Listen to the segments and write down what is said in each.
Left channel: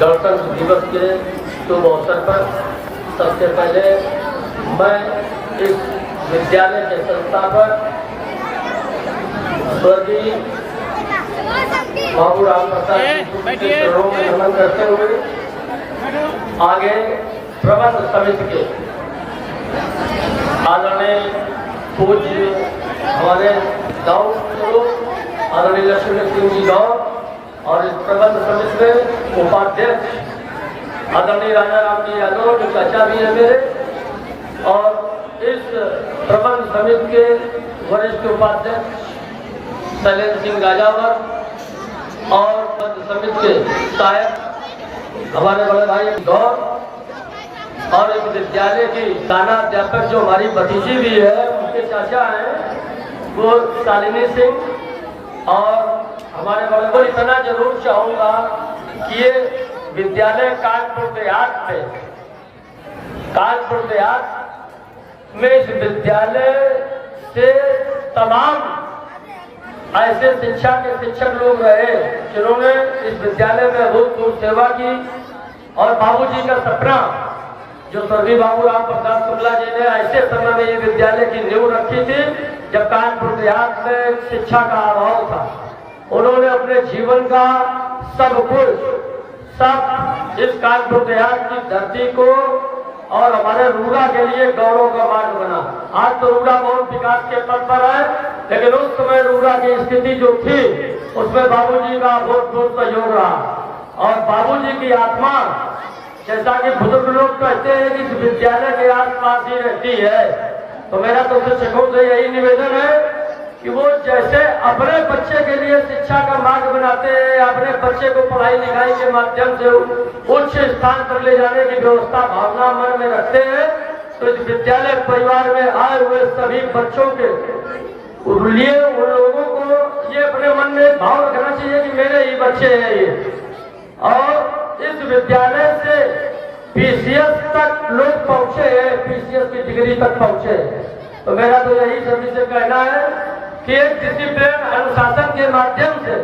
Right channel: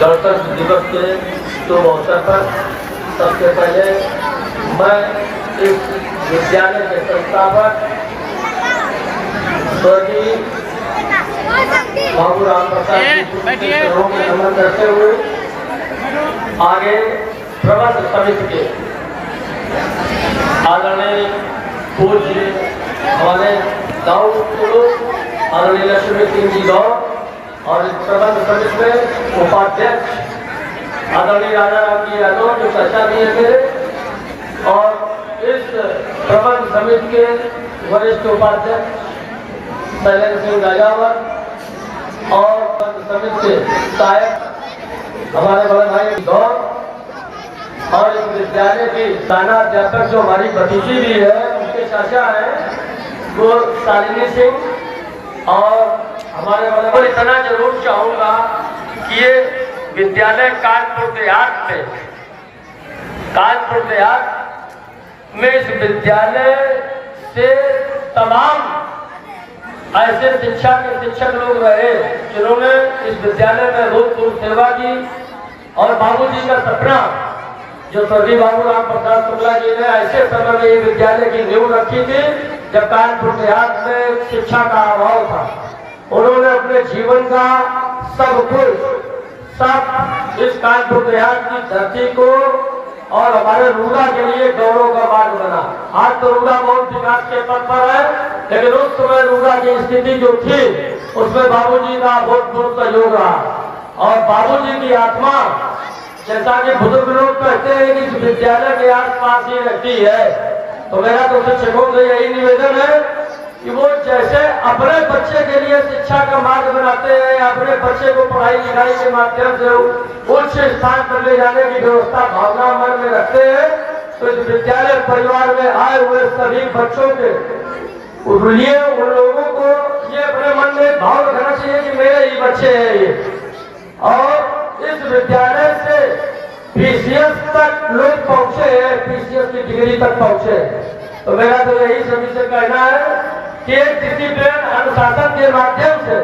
गणतंत्र दिवस के शुभ अवसर पर सबसे पहले मैं इस विद्यालय के संस्थापक स्वर्गीय बाबू राम प्रसाद जी के चरणों में नमन करते हुए आगे प्रबंध समिति के आदरणीय पूज्य हमारे गाँव स्वरूप आदरणीय लक्ष्मी सिंह जी गौर और इस प्रबंध समिति में उपाध्यक्ष आदरणीय राजा राम जी यादव जो चर्चा दिए थे और इस प्रबंध समिति के वरिष्ठ उपाध्यक्ष शैलेंद्र सिंह राजावत और प्रबंध समिति के सहायक हमारे बड़े भाई गौर और इस विद्यालय की दानाध्यापक जो हमारी भतीजी भी है उनके चाचा है वो शालिनी सिंह और हमारे वाले को इतना जरूर चाहूंगा कि ये विद्यालय कानपुर देहात में इस विद्यालय से तमाम ऐसे शिक्षा के शिक्षक लोग रहे जिन्होंने इस विद्यालय में भूतपूर्व सेवा की और बाबूजी का सपना जो स्वर्गीय बाबू राम प्रसाद शुक्ला जी ने ऐसे समय में ये विद्यालय की नींव रखी थी जब कानपुर देहात में शिक्षा का अभाव था। उन्होंने अपने जीवन का सब इस कानपुर देहात की धरती को और हमारे रूड़ा के लिए गौरव का मार्ग बना। आज तो रूड़ा बहुत विकास के पथ पर है, लेकिन उस समय रूड़ा की स्थिति जो थी उसमें बाबूजी का बहुत सहयोग रहा और बाबूजी की आत्मा जैसा कि बुजुर्ग लोग कहते हैं कि विद्यालय के आसपास ही रहती है। तो मेरा तो शिक्षकों से यही निवेदन है कि वो जैसे अपने बच्चे के लिए शिक्षा का मार्ग बनाते हैं, अपने बच्चे को पढ़ाई लिखाई के माध्यम से उच्च स्थान पर ले जाने की व्यवस्था भावना मन में रखते हैं, तो इस विद्यालय परिवार में आए हुए सभी बच्चों के लिए उन लोगों को ये अपने मन में भाव रखना चाहिए कि मेरे ही बच्चे हैं ये। और इस विद्यालय से पीसीएस तक लोग पहुंचे हैं, पीसीएस की डिग्री तक पहुंचे। तो मेरा तो यही सभी से कहना है कि एक डिसिप्लिन अनुशासन के माध्यम से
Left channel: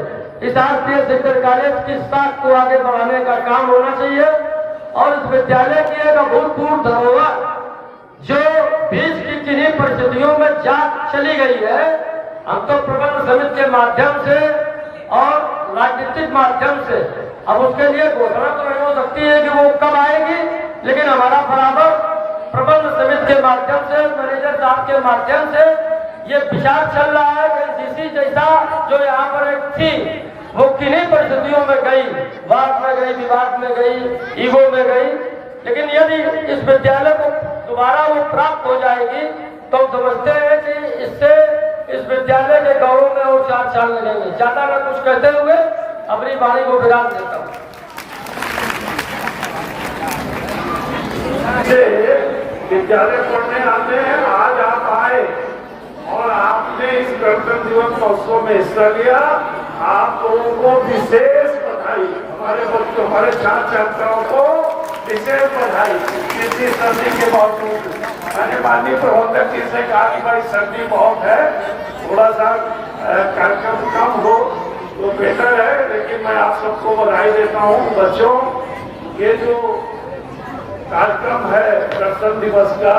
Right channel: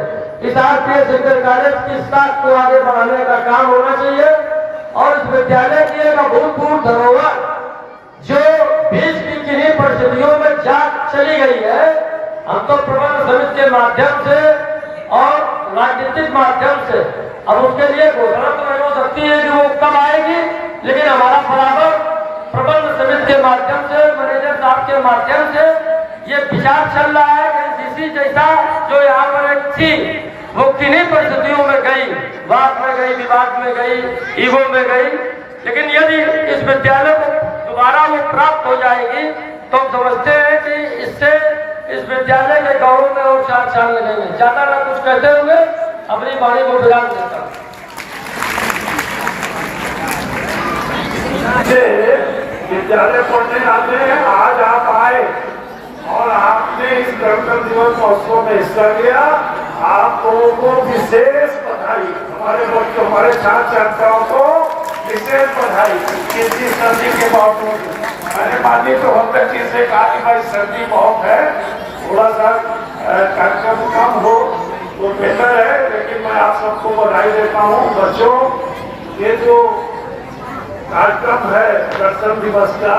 इस आरपीएस इंटर कॉलेज की साख को आगे बढ़ाने का काम होना चाहिए और इस विद्यालय की एक अभूतपूर्व धरोहर जो बीच की किन्हीं परिस्थितियों में जा चली गई है, हम तो प्रबंध समिति के माध्यम से और राजनीतिक माध्यम से अब उसके लिए घोषणा तो नहीं हो सकती है कि वो कब आएगी, लेकिन हमारा बराबर प्रबंध समिति के माध्यम से मैनेजर साहब के माध्यम से ये विचार चल रहा है कि एनसीसी जैसा जो यहाँ पर एक थी वो किन्हीं परिस्थितियों में गई, वाद में गई, विवाद में गई, ईगो में गई, लेकिन यदि इस विद्यालय को दोबारा वो प्राप्त हो जाएगी तो हम समझते हैं कि इससे इस विद्यालय के गौरव में और 4 साल लगेंगे। ज्यादा न कुछ कहते हुए अपनी वाणी को विराम देता हूँ। विद्यालय पढ़ने आते हैं, आज आप आए और आपने इस गणतंत्र दिवस महोत्सव में हिस्सा लिया, आप लोगों को विशेष बधाई। हमारे बच्चों, हमारे छात्र छात्राओं को विशेष बधाई। इतनी सर्दी के बावजूद मैंने माननीय प्रबंधक जी से कहा कि भाई सर्दी बहुत है, थोड़ा सा कार्यक्रम कम हो तो बेहतर है, लेकिन मैं आप सबको बधाई देता हूँ। बच्चों, ये जो कार्यक्रम है गणतंत्र दिवस का,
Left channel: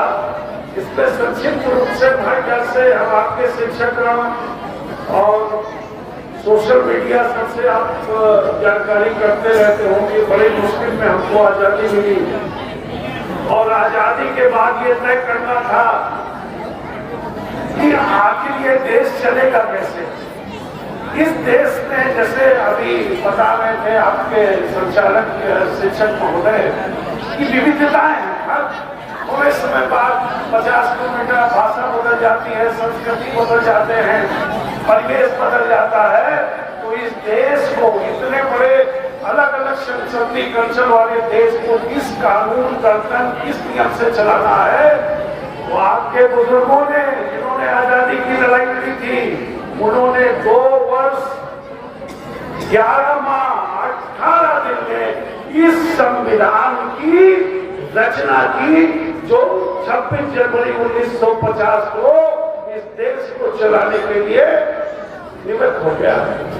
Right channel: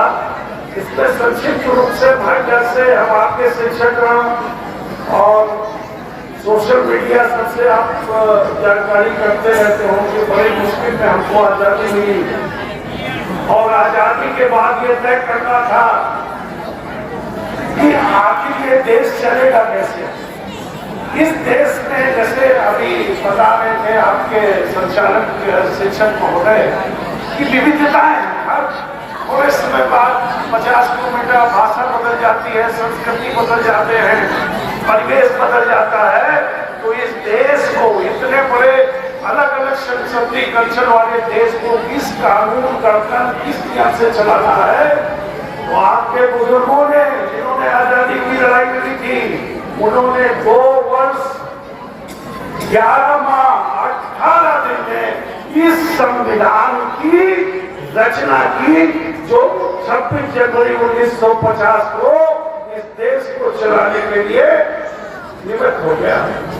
इसके संक्षिप्त रूप से मैं जैसे हम आपके शिक्षक और सोशल मीडिया सबसे आप जानकारी करते रहते हो कि बड़ी मुश्किल में हमको आजादी मिली और आजादी के बाद ये तय करना था कि आखिर ये देश चलेगा कैसे। इस देश में जैसे अभी बता रहे थे आपके संचालक शिक्षक महोदय की विविधताएं हैं, थोड़े समय बाद 50 किलोमीटर भाषा बदल जाती है, संस्कृति बदल जाते हैं, परिवेश बदल जाता है। तो इस देश को, इतने बड़े अलग अलग संस्कृति कल्चर वाले देश को किस कानून करकर किस नियम से चलाना है, तो आपके बुजुर्गों ने जिन्होंने आजादी की लड़ाई लड़ी थी, उन्होंने 2 वर्ष 11 माह 18 दिन में इस संविधान की रचना की, जो 26 जनवरी 1950 को इस देश को चलाने के लिए निवृत्त हो गया,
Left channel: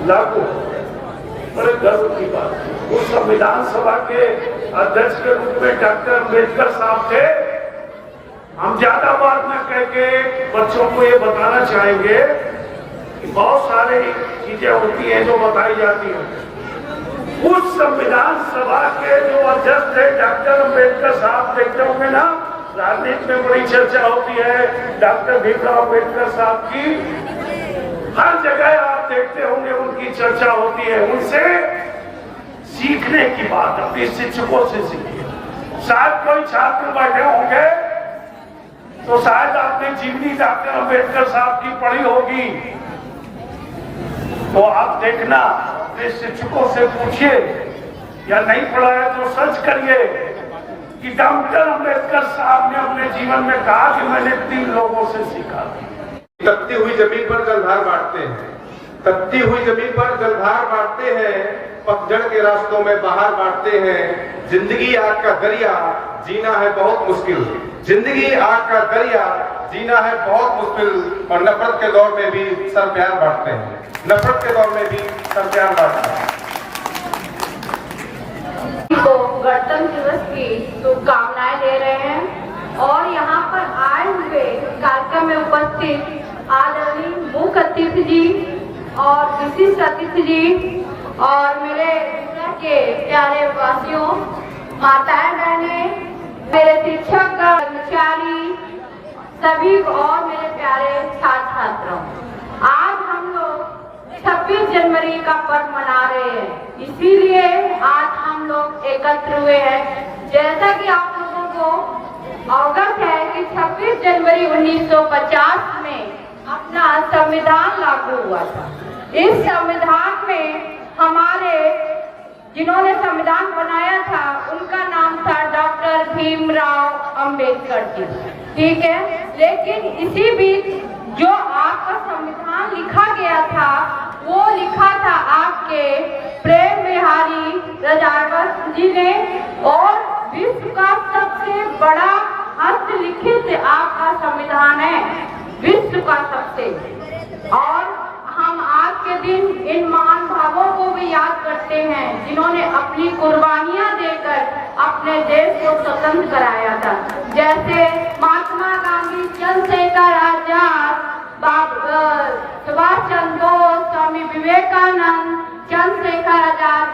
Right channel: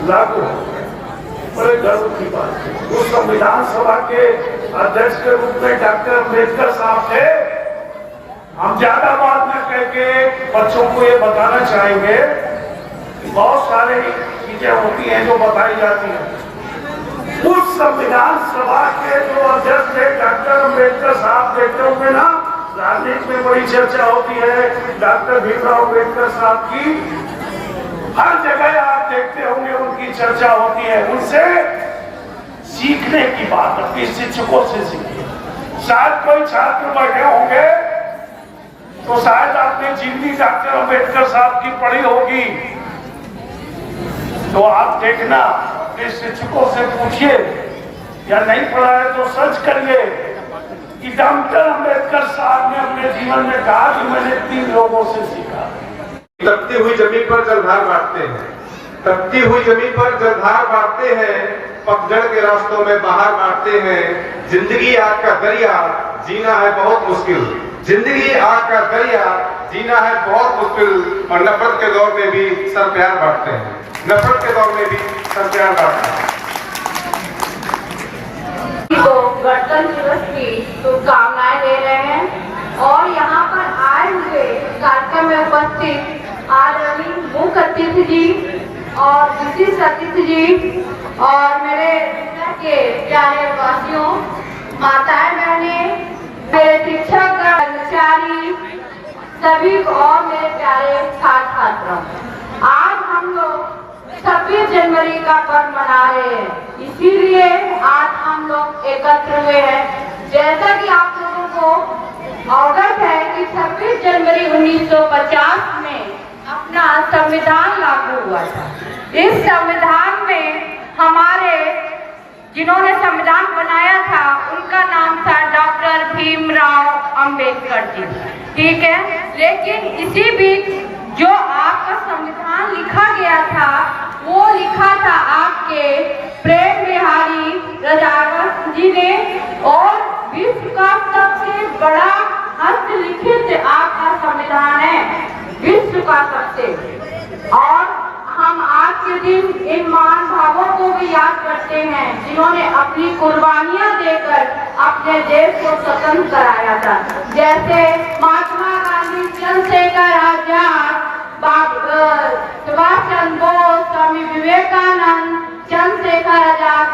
लागू हो गया। बड़े गर्व की बात है। उस संविधान सभा के अध्यक्ष के रूप में डॉक्टर अम्बेडकर साहब थे। हम ज्यादा बात न करके बच्चों को ये बताना चाहेंगे कि बहुत सारे चीजें होती हैं जो बताई जाती हैं। उस संविधान सभा के जो अध्यक्ष थे डॉक्टर अम्बेडकर साहब, देखते होंगे ना राजनीति में बड़ी चर्चा होती है डॉक्टर भीमराव अम्बेडकर साहब की, हर जगह आप देखते होंगे उनकी चर्चा होती है। उनसे सीखने की बात अपने शिक्षकों से सीखिए। शायद कोई छात्र बैठे होंगे तो शायद आपने जीवनी डॉक्टर अम्बेडकर साहब की पढ़ी होगी, तो आप देखना अपने शिक्षकों से पूछिए, या नहीं पढ़ा है तो सर्च करिए कि डॉक्टर अम्बेडकर साहब ने अपने जीवन में कहा कि मैंने 3 लोगों से सीखा। तपती हुई जमीन पर जलधार बांटते हैं, तपती हुई जमीन पर जलधार बांटते हैं, पतझड़ के रास्तों में बाहर बांटते हैं। जिंदगी आग का दरिया जीना है बहुत मुश्किल, जिंदगी आग का दरिया जीना है बहुत मुश्किल। और नफरत के दौर में भी सर प्यार बांटते हैं, नफरत के दौर में भी सर प्यार बांटते हैं। गणतंत्र दिवस की शुभकामनाएं दे रहे हैं और यहाँ पर आए हुए कार्यक्रम में उपस्थित आदरणीय मुख्य अतिथि जी और विशिष्ट अतिथि जी और मेरे के प्यारे वासियों, माताएं बहनें, मेरे शिक्षक कर्मचारी सभी और मेरे प्यारे छात्र छात्राओं, आज हम लोग 26 जनवरी का पर्व मना रहे हैं, इसीलिए आज हम लोग एकत्र हुए हैं। जैसा कि आप लोगों को अवगत है कि 26 जनवरी 1950 में अपना संविधान लागू हुआ था। इस संविधान में हमारे जिन्होंने संविधान बनाया था उनका नाम था डॉक्टर भीमराव अंबेडकर जी, ठीक है। लेकिन इसी बीच जो आपका संविधान लिखा गया था वो लिखा था आपके प्रेम बिहारी राजावत जी ने, और विश्व का सबसे बड़ा हस्तलिखित आपका संविधान है, विश्व का सबसे। और हम आज के दिन इन महान भावों को भी याद करते हैं जिन्होंने अपनी कुर्बानियां देकर अपने देश को स्वतंत्र कराया था, जैसे महात्मा गांधी, चंद्रशेखर आजाद, सुभाष चंद्र बोस, स्वामी विवेकानंद, चंद्रशेखर आजाद,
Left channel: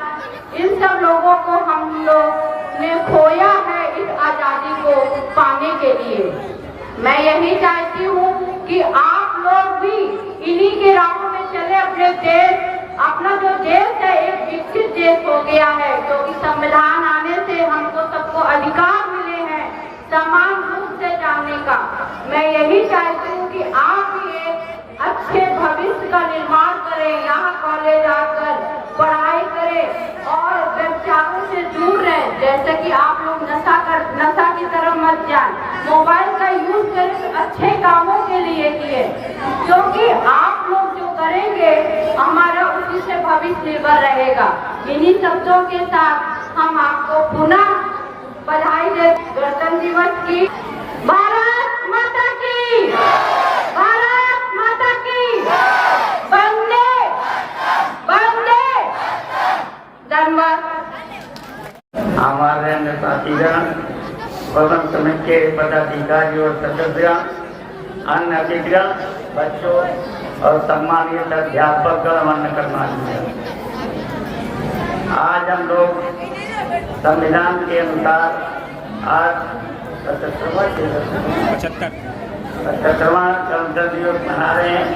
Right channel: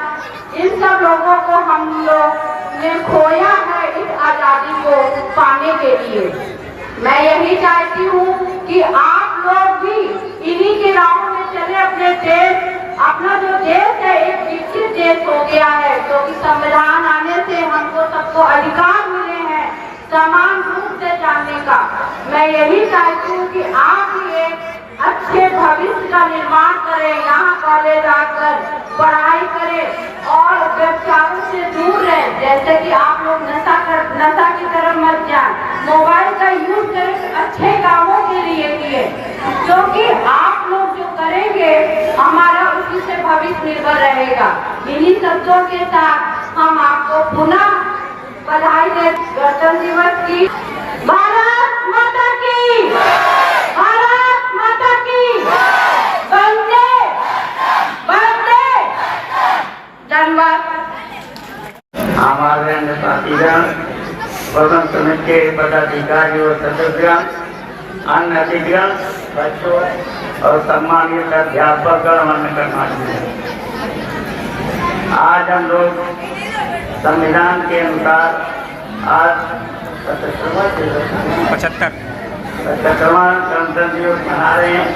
इन सब लोगों को हम लोग ने खोया है इस आजादी को पाने के लिए। मैं यही चाहती हूँ कि आप लोग भी इन्हीं के राहों में चले। अपने देश, अपना जो देश है एक विकसित देश हो गया है, क्योंकि संविधान आने से हमको सबको अधिकार मिले हैं समान रूप से जानने का। मैं यही चाहती हूँ कि आप भी एक अच्छे भविष्य का निर्माण करें, यहाँ कॉलेज आकर पढ़ाई करें और व्यवसायों से दूर रहें। जैसे कि आप लोग नशा की तरफ मत जाएं, मोबाइल का यूज करें अच्छे कामों के लिए किए, क्योंकि आप लोग जो करेंगे हमारा उसी से भविष्य निर्भर रहेगा। इन्हीं शब्दों के साथ हम आपको पुनः बधाई देते गणतंत्र दिवस की। भारत माता की, भारत माता की, वंदे वंदे। धन्यवाद। हमारे साथीगण, स्वतंत्र समिति के पदाधिकारी और सदस्य, अन्य अतिथिगण, बच्चों और सम्मानित अध्यापक और अन्य कर्मचारी, आज हम लोग संविधान के अनुसार आज 75वां गणतंत्र दिवस मना रहे हैं।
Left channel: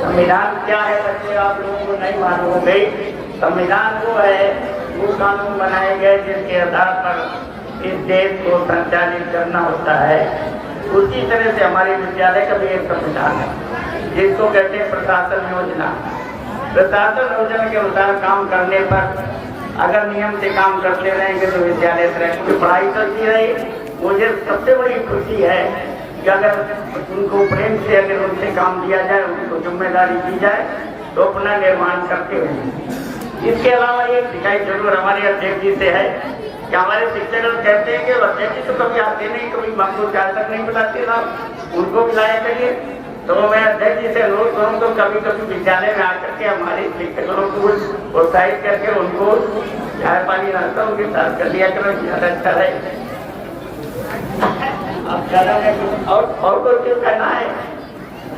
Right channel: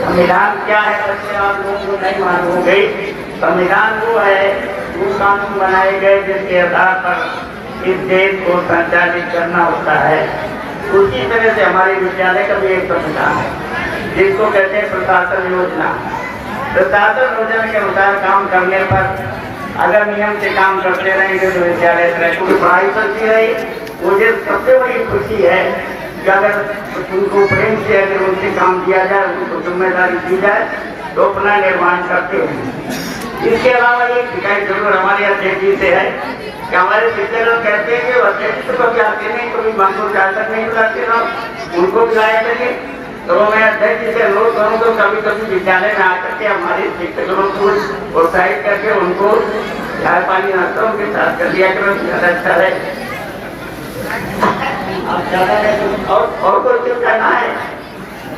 संविधान क्या है बच्चे आप लोगों को नहीं मालूम हो गई। संविधान जो है वो कानून बनाए गए जिसके आधार पर इस देश को संचालित करना होता है। उसी तरह से हमारे विद्यालय का भी एक संविधान है जिसको कहते हैं प्रशासन योजना। प्रशासन योजना के अनुसार काम करने पर अगर नियम से काम करते रहेंगे तो विद्यालय तरक्की पढ़ाई करती रही। मुझे सबसे बड़ी खुशी है कि अगर उनको प्रेम से अगर उनसे काम किया जाए, उनको जिम्मेदारी दी जाए तो अपना निर्माण करते हैं। इसके अलावा एक शिकायत जरूर हमारे अध्यक्ष जी से है कि हमारे शिक्षक कहते हैं कि अध्यक्ष तो कभी आते नहीं, कभी मांगो जाकर नहीं बुलाते, उनको बुलाया करिए। तो मैं अध्यक्ष जी से अनुरोध करूँ तो कभी कभी विद्यालय में आकर के हमारे शिक्षकों को प्रोत्साहित करके उनको चाय पानी नाश्ता उनके साथ कर दिया करो, ज्यादा अच्छा रहे। और तो क्यों करना है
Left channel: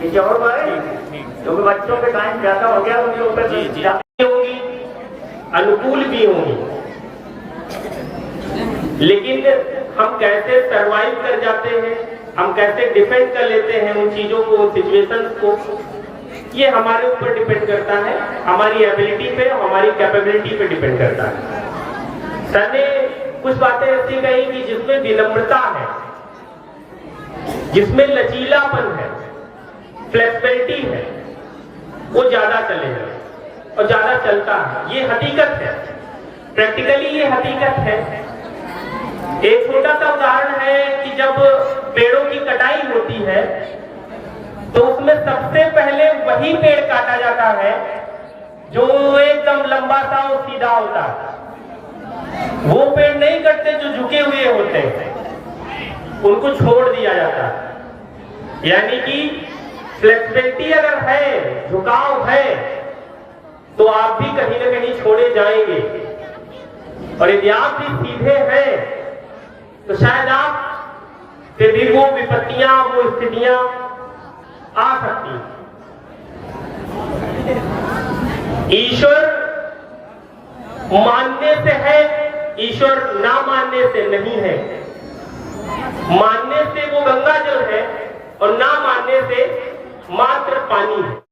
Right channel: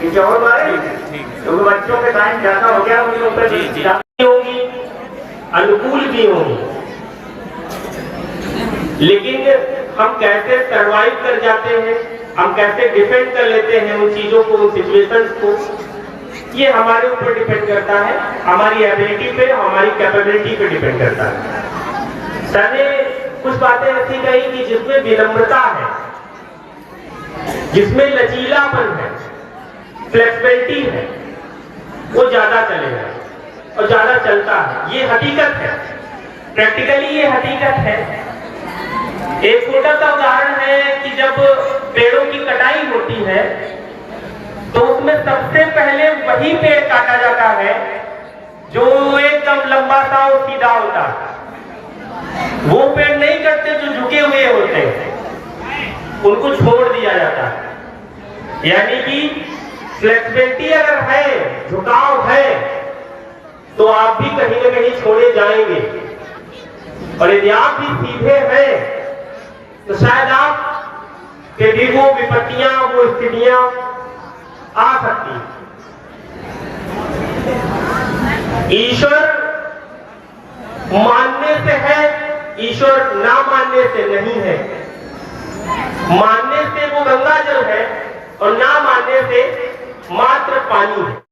कि और क्योंकि बच्चों के टाइम ज्यादा हो गया, उनके ऊपर होगी, अनुकूल भी होगी, लेकिन हम कैसे सरवाइव कर जाते हैं, हम कैसे डिफेंड कर लेते हैं उन चीजों को, उन सिचुएशंस को, ये हमारे ऊपर डिपेंड करता है, हमारी एबिलिटी पे, हमारी कैपेबिलिटी पे डिपेंड करता है। सर ने कुछ बातें ऐसी कही कि जिसमें विनम्रता है, जिसमें लचीलापन है, फ्लेक्सिबिलिटी है, वो ज्यादा चलेगा और ज्यादा चलता है। ये हकीकत है, प्रैक्टिकली ये हकीकत है। एक छोटा सा उदाहरण है कि जब पेड़ों की कटाई होती है तो उसमें सबसे पहले वही पेड़ काटा जाता है जो एकदम लंबा सा और सीधा होता है। वो पेड़ नहीं कटते जो झुके हुए होते हैं, उनको छोड़ दिया जाता है। यानी कि फ्लेक्सिबिलिटी अगर है, झुकाव है, तो आप भी कहीं ना कहीं छोड़े जाएंगे, और यदि आप भी सीधे हैं तो शायद आप के भी वो विपत्तियां, वो स्थितियां आ सकती हैं। ईश्वर मानने से है, ईश्वर ना मानने से नहीं है। मानने से वो गंगा जल है और ना मानने से मात्र पानी है।